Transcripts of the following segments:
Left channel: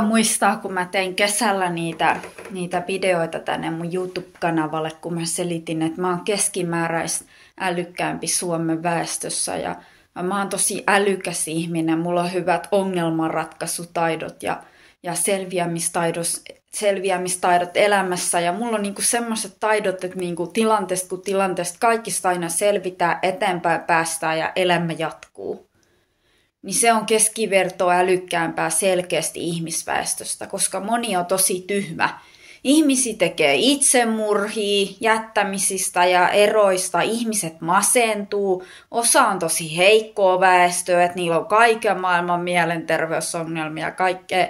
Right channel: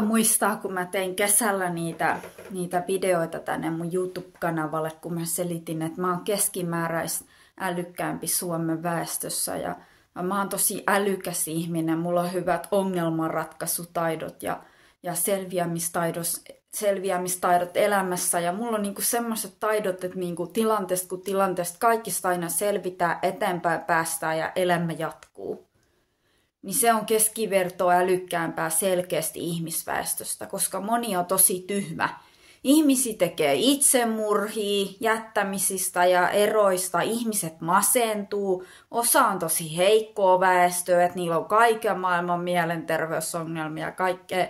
Muistaa, kun mä tein kesällä niitä videoita tänne mun YouTube-kanavalle, kun mä selitin, että mä oon keskimääräistä älykkäämpi Suomen väestössä ja mä oon tosi älykäs ihminen, mulla on hyvät ongelmanratkaisutaidot ja selviämistaidot elämässä ja mulla on niinku semmoiset taidot, että niinku tilanteesta kuin tilanteesta kaikista aina selvitään, eteenpäin päästään ja elämä jatkuu. Niin se on keskivertoa älykkäämpää selkeästi ihmisväestöstä, koska moni on tosi tyhmä. Ihmisiä tekee itsemurhia, jättämisistä ja eroista, ihmiset masentuu, osa on tosi heikkoa väestöä, että niillä on kaiken maailman mielenterveysongelmia ja kaikkea.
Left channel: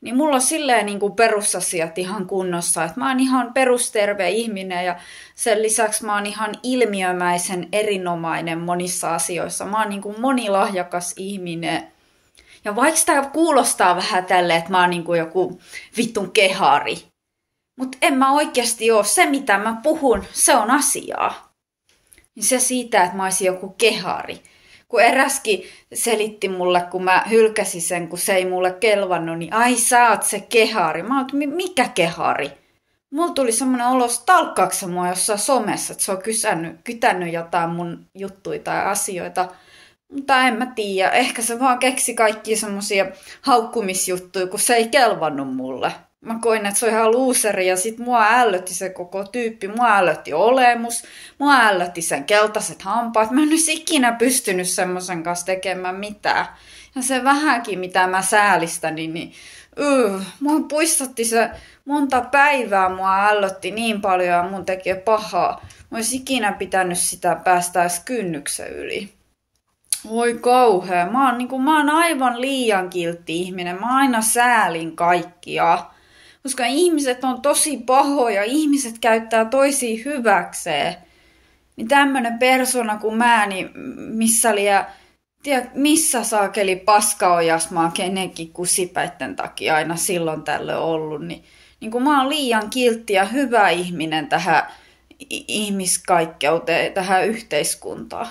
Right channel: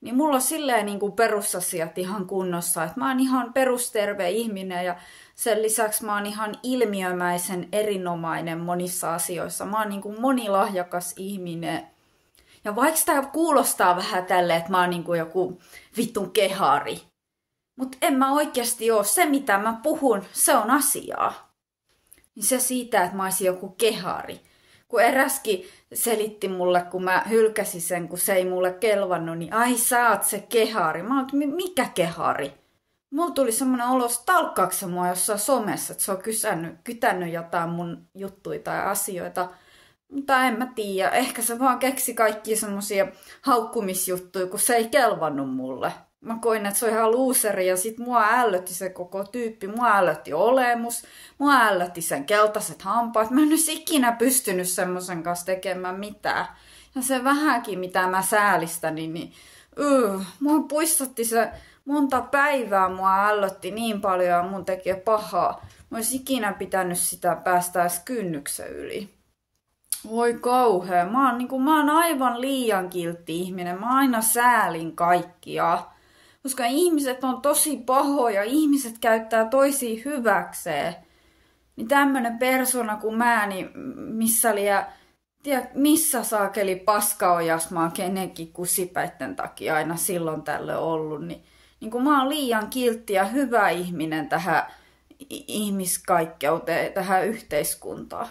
Niin mulla on silleen niin kuin perusasiat ihan kunnossa, että mä oon ihan perusterve ihminen ja sen lisäksi mä oon ihan ilmiömäisen erinomainen monissa asioissa. Mä oon niin kuin monilahjakas ihminen. Ja vaikka tää kuulostaa vähän tälleen, että mä oon niin kuin joku vittun kehari, mutta en mä oikeasti oo. Se mitä mä puhun, se on asiaa. Niin se siitä, että mä oisin joku kehari. Kun eräskin selitti mulle, kun mä hylkäsin sen, kun se ei mulle kelvannut, niin ai sä oot se kehari. Mä oon, mikä kehari? Mulla tuli semmoinen olo, stalkkaaksa mua jossain somessa, että se on kytännyt jotain mun juttuja tai asioita. Mutta en mä tiedä, ehkä se vaan keksi kaikkia semmosia haukkumisjuttuja, kun se ei kelvannut mulle. Mä koin, että se on ihan luuseri ja sit mua ällötti se koko tyyppi. Mua ällötti olemus, mua ällötti sen keltaiset hampaat. Mä en olisi ikinä pystynyt semmoisen kanssa tekemään mitään. Ja se vähänkin, mitä mä säälistänin, niin mua puistotti se monta päivää. Mua ällötti niin paljon ja mun teki pahaa. Mä olisi ikinä pitänyt sitä päästä edes kynnyksen yli. Voi kauhea. Mä oon aivan liian kiltti ihminen. Mä aina säälin kaikkia. Koska ihmiset on tosi pahoja, ihmiset käyttää toisia hyväkseen. Niin tämmönen persona kuin mä, niin missä saakeli paskaojas mä oon kenenkin kusipäitten takia aina silloin tällöin ollut. Niin kun mä oon liian kiltti ja hyvä ihminen tähän ihmiskaikkeuteen, tähän yhteiskuntaan.